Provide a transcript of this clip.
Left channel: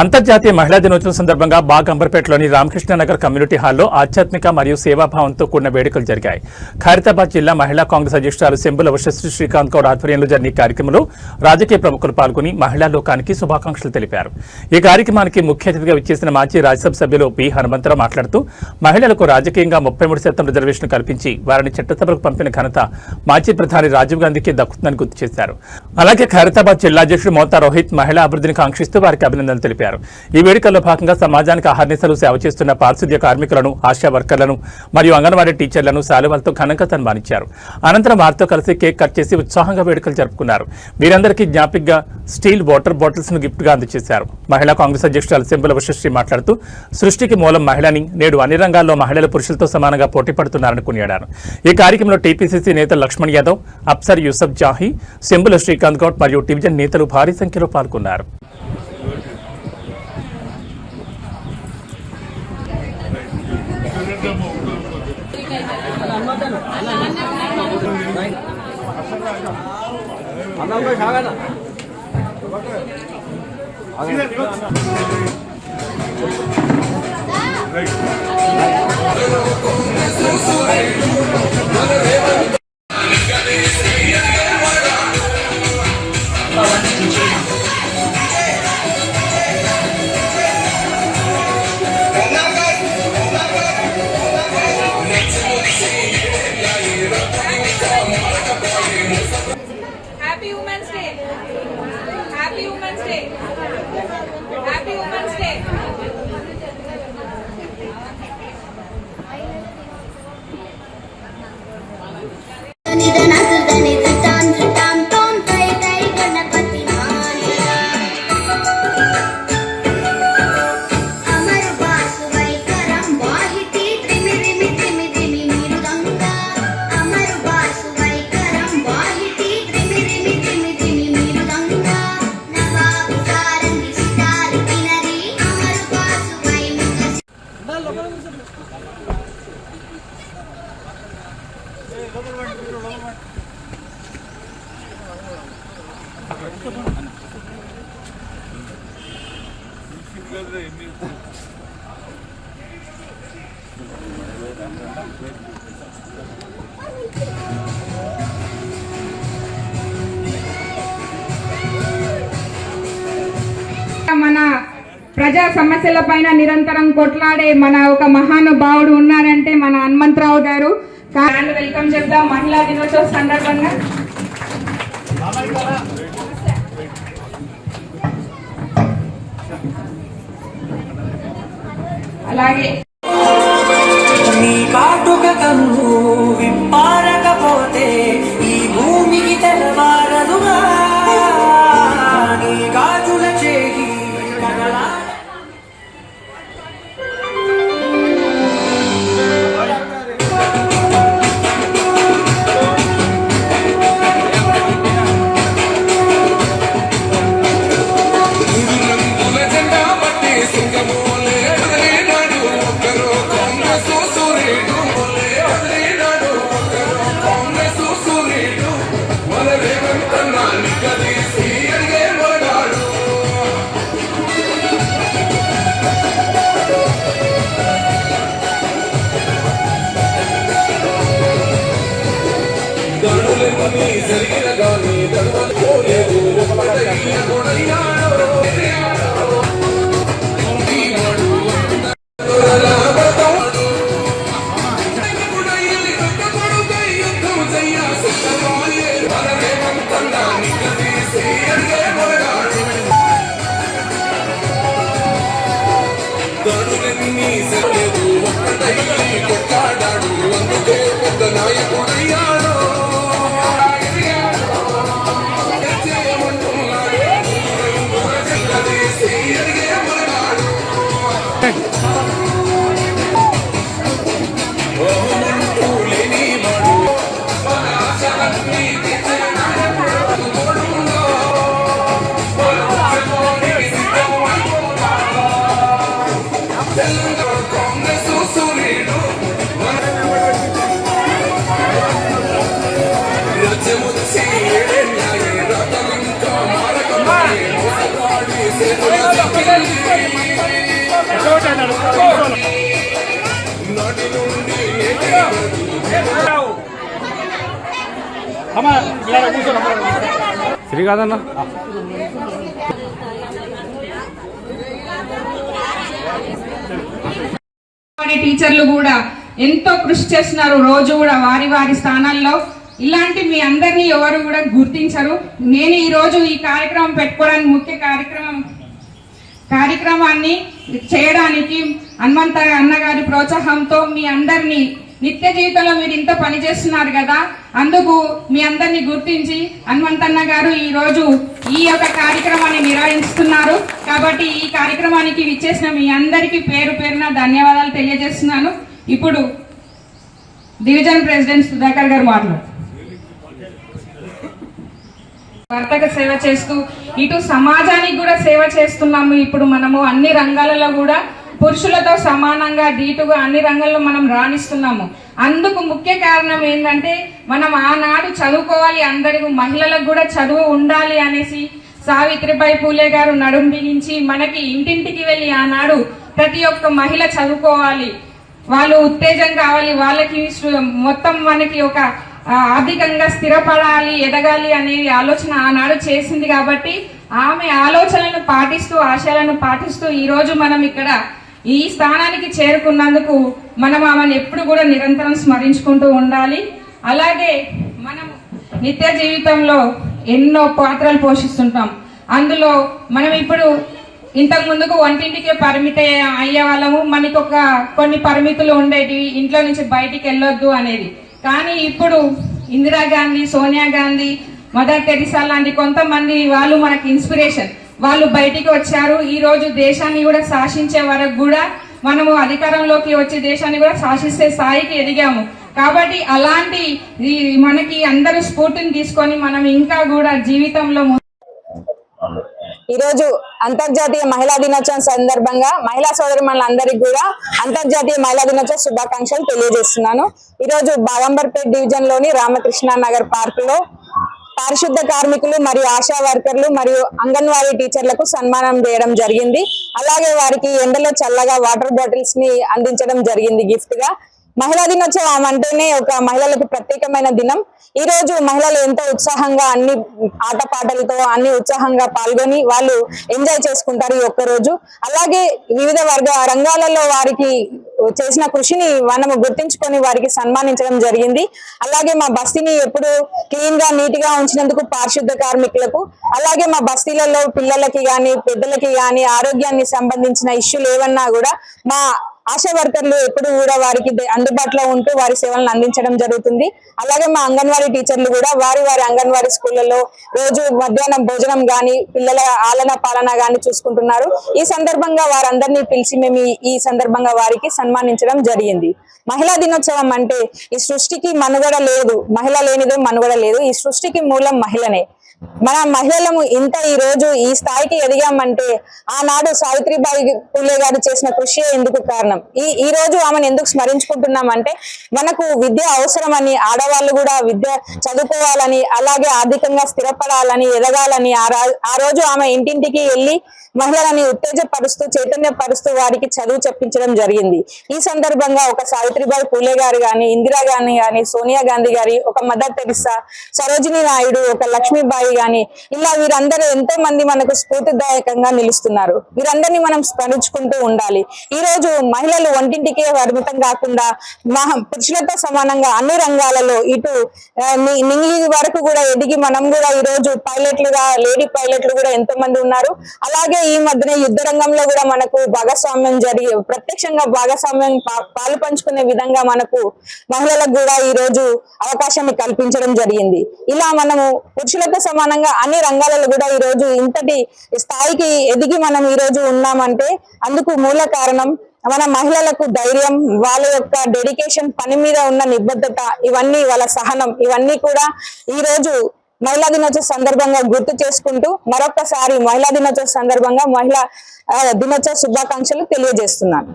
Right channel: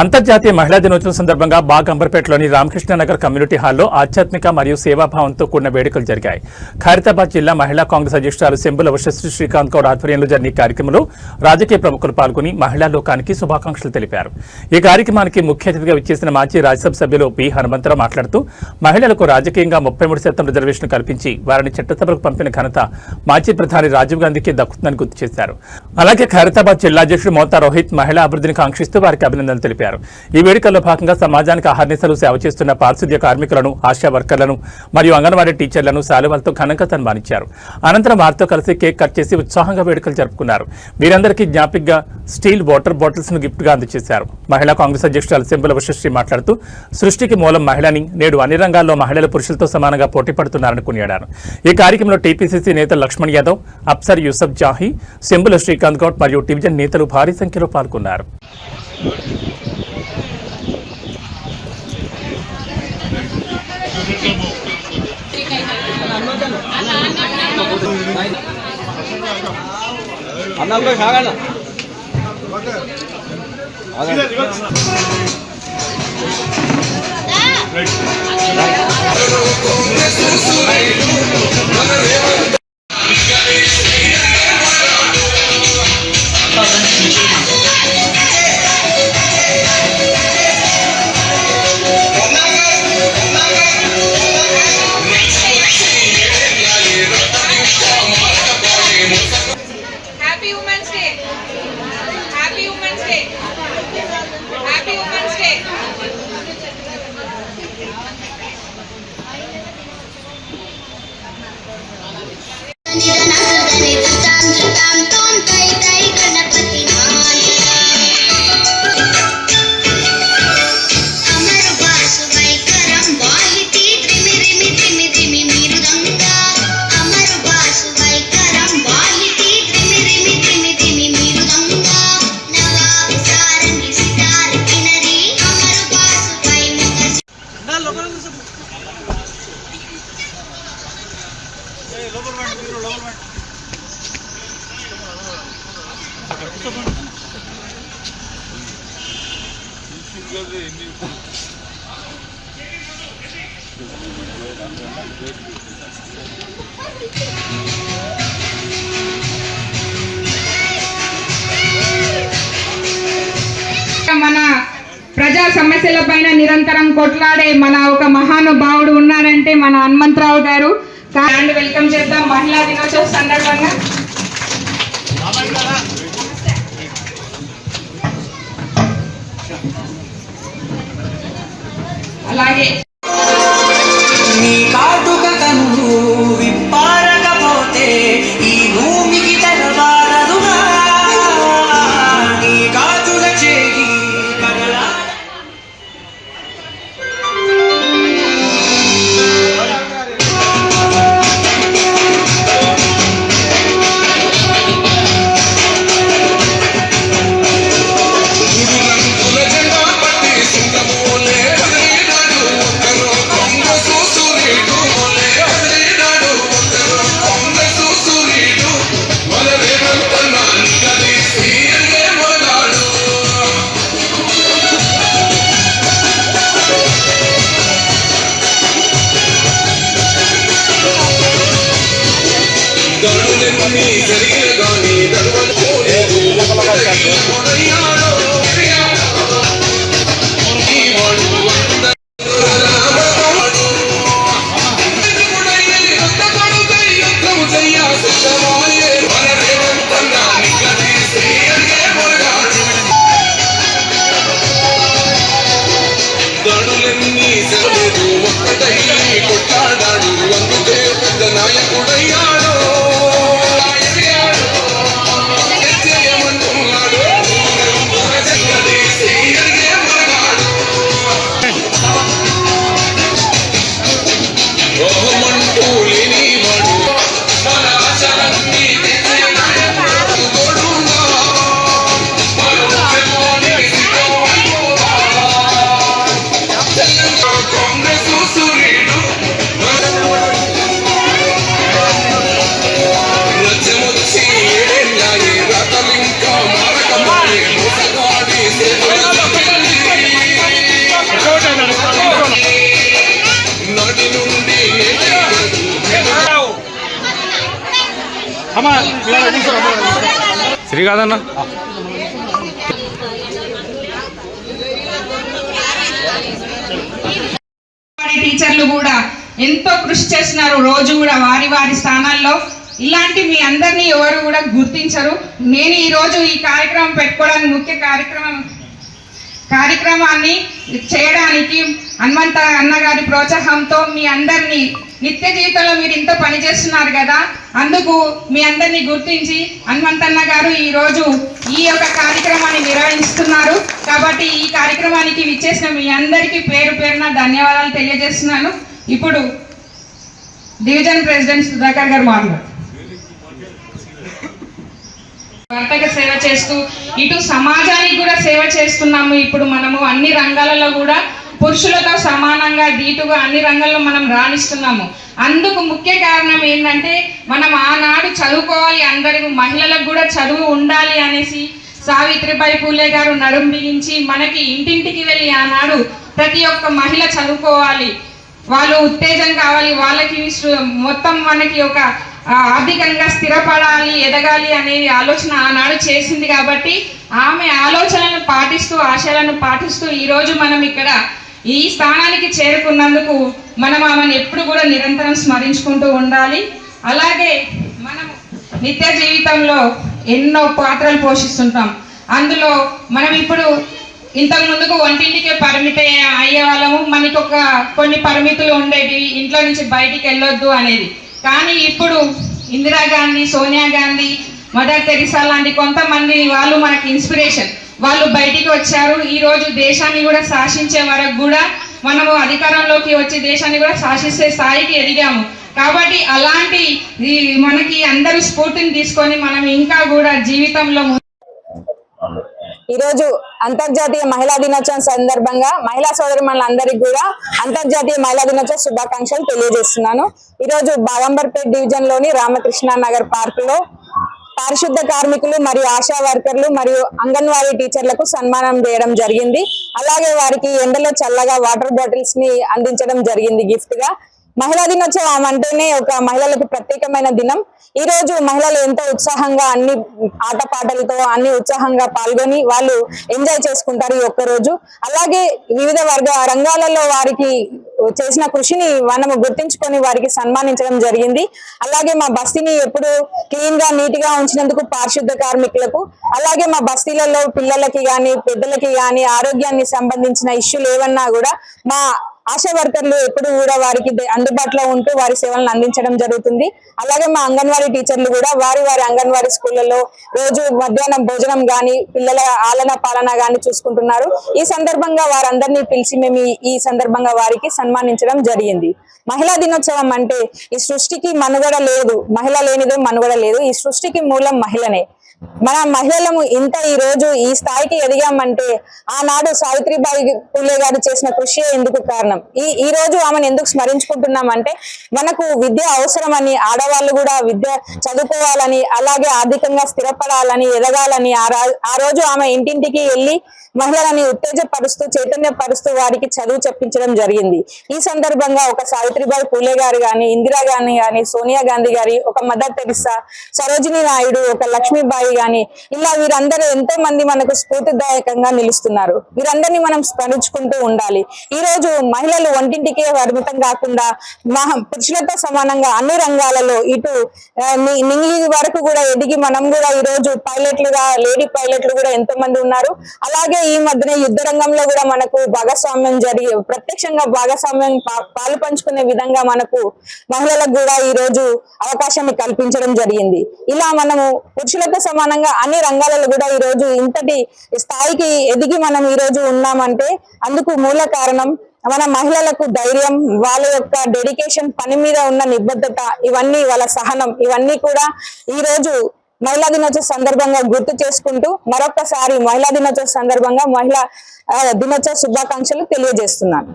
అంతర్జాతీయ మహిళా దినోత్సవం సందర్భంగా బాగ్ అంబర్పేటలోని రామకృష్ణనగర్ కమ్యూనిటీ హాల్లో ఆధ్యాత్మిక మరియు సేవాభావంతో కూడిన వేడుకలు జరిగాయి. ఖైరతాబాద్ జిల్లా మహిళా కాంగ్రెస్ అధ్యక్షురాలు సెంబుల వశశ్రీ శ్రీకాంత్ గౌడ్ ఆధ్వర్యంలో జరిగిన కార్యక్రమంలో రాజకీయ ప్రముఖులు పాల్గొని మహిళా లోకానికి శుభాకాంక్షలు తెలిపారు. ఈ కార్యక్రమానికి ముఖ్య అతిథిగా విచ్చేసిన మాజీ రాజ్యసభ సభ్యులు పి హనుమంతరావు మాట్లాడుతూ మహిళలకు రాజకీయంగా 33% రిజర్వేషన్ కల్పించి వారిని చట్టసభలకు పంపిన ఘనత మాజీ ప్రధాని రాజీవ్ గాంధీకి దక్కుతుందని గుర్తు చేశారు. అలాగే ఖైరతాబాద్ జిల్లా అధ్యక్షుడు మోతా రోహిత్ మహిళా అభివృద్ధిని కాంక్షిస్తూ వారికి అభినందనలు తెలిపారు. ఈ వేడుకల్లో భాగంగా సమాజానికి ఆహార్నిశలు సేవ చేస్తున్న పారిశుద్ధ్య కార్మికులను, ఆశా వర్కర్లను మరియు అంగన్వాడీ టీచర్లను శాలువాలతో ఘనంగా సన్మానించారు. అనంతరం వారితో కలిసి కేక్ కట్ చేసి ఉత్సాహంగా వేడుకలు జరుపుకున్నారు. వీరందరికీ జ్ఞాపికగా స్టీల్ వాటర్ బాటిల్స్ ను గిఫ్ట్ గా అందజేశారు. మహిళా కాంగ్రెస్ అధ్యక్షురాలు సెంబుల వశశ్రీ మాట్లాడుతూ సృష్టికి మూలం మహిళని, నేడు అన్ని రంగాల్లో మహిళలు పురుషులతో సమానంగా పోటీ పడుతున్నారని కొనియాడారు. ఈ కార్యక్రమంలో టీపీసీసీ నేతలు లక్ష్మణ్ యాదవ్, అప్సర్ యూసఫ్ జాహీ, సెంబుల శ్రీకాంత్ గౌడ్ మరియు డివిజన్ నేతలు భారీ సంఖ్యలో పాల్గొన్నారు. Happy Women's Day. Happy Women's Day. Happy Women's Day. మన ప్రజా సమస్యల పైన నిరంతరం కొట్లాడే మన ఒక మహానుభావుడు ఉన్నారంటే మన హనుమంతరావు గారు. వెల్కమ్ చేద్దాం మహిళా దినోత్సవ సందర్భంగా. అలాగే నీ కాటుక కన్ను విప్పారకపోతే ఈ భూమికి తెలవారదుగా, నీ గాజుల చేయి నాయకుడయ్యాడు. శ్రీకాదన్న టీచర్లు కూడా ఎంతో కృషి చేస్తున్నారు. రోజు కూడా వారి వారి స్థానాల్లో. ఇలాంటి మీ అందరినీ ఎవరు కూడా గుర్తించరు. నేను ఈ రోజు ఈ కార్యక్రమం పెట్టుకోవడానికి ముఖ్య కార్యక్రమాన్ని చేయడానికి హనుమంత అన్నగారి ప్రోత్సాహంతో మీ అందరినీ నిత్య జీవితంలో మీరు ఇంత పని చేస్తున్నారు కదా, అందుకు మీ అందరినీ గుర్తించి హనుమంతన్న గారు ఈ రోజు ఈ యొక్క కార్యక్రమాన్ని నిర్వహిస్తున్నారు. కాబట్టి ఈ కార్యక్రమానికి విచ్చేసిన మీ అందరికీ పేరు పేరున ధన్యవాదాలు తెలియజేస్తున్నాను. ఇప్పుడు డివిజన్ ప్రెసిడెంట్ సుధాకర్ గారు మాట్లాడారు. భర్తక సేవ చేస్తూ ఇటు సమాజానికి కూడా సేవ చేస్తున్నాము. ఇప్పుడు మనము అన్ని రంగాలలో కూడా పురుషులతో సమానంగా ధీటుగా అన్ని రంగాల్లో మనం రాణిస్తున్నాము. అందుకు ముఖ్య కారణం ఏంటంటే మనం ఆనాడు చదువుకోవాలి, అందరికీ మహిళలకు కూడా చదువు ఉండాలి అనేసి సావిత్రిబాయి పూలే గారు నడుం బిగించి మనకి ఇంటింటికి వెళ్ళి ఆనాడు ప్రతి ఒక్క మహిళ చదువుకోవాలి, వాళ్ళు ఉత్తేజం కావాలి, వాళ్ళకి మొత్తం మనకి ఒక ఆర్థికంగా స్థిరపడాలి, ఎదగాలి అనే ఆలోచన ఆనాడు చేసింది. కాబట్టి ఆమె ఆలోచనలను పాటిస్తూ ఆశయాలను పాటిస్తూ ఈరోజు మనం ఇక్కడ ఈ స్థానానికి చేరుకున్నందుకు మనం ఆమెను ఎప్పుడు కూడా నిరంతరం స్మరించుకుంటూ ఉండాలి. అలాగే మనం నిత్య జీవితంలో ఎన్నో పాత్రలు పోషిస్తుంటాం. అందులో మనం ఇప్పుడు ఇంతకు ముందుకు వంటింటికే పరిమిత అయ్యే వాళ్ళము. మనకు కొన్ని పరిమితులు ఉండేవి, ఇంట్లో నుంచి బయటికి వెళ్ళొద్దు అనేది. కానీ ఇప్పుడు ఇందిరాగాంధీ, సోనియా గాంధీ, మదర్ తెరిసా లాంటి కొంతమంది వాళ్ళు మనకి ఇన్స్పిరేషన్. వాళ్ళు బయటికి వచ్చారు. ఈరోజు దేశాన్ని కూడా శాసించే వరకు కూడా మనము అధికారంలోకి వచ్చి దేశాన్ని కూడా శాసిస్తే స్థాయికి ఎదిగాము. కాబట్టి అలాంటి మనకి అందరూ స్ఫూర్తిని తీసుకొని మనం ఇంకా కూడా జీవితంలో ఈరోజు అంతర్జాతీయ మహిళా దినోత్సవం సందర్భంగా మహిళా సోదరిమణులందరికీ కూడా అంతర్జాతీయ మహిళా దినోత్సవ శుభాకాంక్షలు తెలియజేస్తున్నాను. ఈరోజు బాగంబర్పేట్ డివిజన్ లోని రామకృష్ణ నగర్ పార్క్ లో పారిశుద్ధ కార్మికులు మరియు ఆశా వర్కర్లు మరియు అంగన్వాడీ టీచర్లకు సన్మానం చేయడం జరిగింది. అలాగే వారికి ఎండలో చల్లగా వాటర్ బాటిల్స్ ని అందించడం జరిగింది గిఫ్ట్ గా. మహిళా దినోత్సవం అంటేనే ఒక మహిళలకు ప్రత్యేకమైన దినం. ఈ రోజు మహిళలు ఎంతో ఉత్సాహంగా అన్ని ఆటపాటలతో అన్ని ఉత్సాహంగా పాల్గొని వాళ్ళు ఎంజాయ్ చేసుకుంటారు ఈ ఒక్క రోజు. అలాగే వివిధ రంగాలలో వారికి చేసిన కృషిని మనము గుర్తించుకొని వారికి సన్మానించడం జరిగింది. అలాగే మా బస్తీని ఎప్పుడు క్లీన్ గా నీట్ గా ఉంచినందుకు పారిశుద్ధ కార్మికులకు, అలాగే మా బస్తీలలో పిల్లలకి గాని పెద్దలకి గాని ఆరోగ్యాన్ని సంబంధించిన ఇష్యూలు ఏమన్నా కూడా మా ఆశా వర్కర్లు ఎప్పుడు కూడా వారికి అందుబాటులో ఉంటూ వారి సేవలను అందించడం జరుగుతుంది. అలాగే మా అంగన్వాడీ టీచర్లు కూడా వారి అంగన్వాడీ స్కూళ్లలో రోజు మధ్యాహ్నం భోజనం గాని పిల్లల ఆలన పాలన గాని చూసుకుంటున్నారు. ఈ సందర్భంగా వారందరినీ పిలిచి మేము ఈ సందర్భంగా వారికి సన్మానించడం జరిగింది. మహిళా దినోత్సవం అంటే ఈ సృష్టికి మనుగడ లేదు, మహిళ లేనిదే మనుగడ లేదు. ఈ సృష్టికి మూలం మహిళనే. మన మహిళలము ఇంత ఈ రోజు ఈ స్థాయికి ఎదిగామంటే ఆనాడు సావిత్రిబాయి పూలే గారు చేసిన కృషి ఎందుకు కారణం. ఈ రోజు ఆమెను ఎందుకు స్మరించుకుంటున్నామంటే మనకు విద్య అవసరమని, ఆడవాళ్ళు కూడా విద్య చదువుకోవాలని, అలాగే ఆర్థికంగా స్థిరపడాలని, ఎదగాలని ఆ రోజు ఆమె ఇంటింటికి వెళ్ళి మహిళలని ఉత్తేజపరుస్తూ చైతన్యపరుస్తూ వారికి చదువు చెప్పించడం జరిగింది. ఈ సందర్భంగా ఒక సావిత్రిబాయి పూలే గారు గాని, ఇందిరా గాంధీ గాని, సోనియా గాంధీ గారి, ఒక మదర్ తెరిసా, సరోజినీ నాయుడు, ఒక లక్ష్మీబాయి గాని, ఇలా వీరందరూ ఎంతో మంది మనకు స్ఫూర్తిదాయకంగా నిలుస్తున్నారు. వీరందరినీ మనం స్మరించుకుంటూ ఉండాలి. ఈ రోజు మహిళలు వంటింటికే పరిమితం కాకుండా పురుషులతో సమానంగా అన్ని రంగాలలో ఇటు నింగి వరకు కూడా ఎదిగి మనం కూడా ఈ రోజు పైలట్లుగా లేడీ పైలట్లు కూడా ఎంతో మంది ఉన్నారు. అలాగే ఈ మధ్యన యుద్ధ రంగంలో కూడా మనకు భాగస్వామ్యం ప్రత్యక్షంగా భాగస్వామ్యం పాలు పంచుకునే విధంగా మనకు మహిళలకు కూడా ఈ రోజు అవకాశాన్ని కల్పించడం జరిగింది. ఇలా మనము పురుషులతో సమానంగా అన్ని రంగాలలో కూడా ఈ రోజు ఇంతటి స్థాయికి ఎదిగి మనం ఈ రోజు ఉన్నామంటే అందుకు మూల కారణం మన మహిళలకు ధైర్యం, వాళ్ళ యొక్క డెడికేషన్, పని మీద ఉన్న నిబద్ధత, ఇవన్నీ వాళ్ళ సహనం, ఇవన్నీ కూడా ఈ రోజు మహిళా దినోత్సవ సందర్భంగా గుర్తు చేసుకుంటూ మరొకసారి మహిళా దినోత్సవ సందర్భంగా మహిళా దినోత్సవ శుభాకాంక్షలు తెలియజేస్తున్నాను.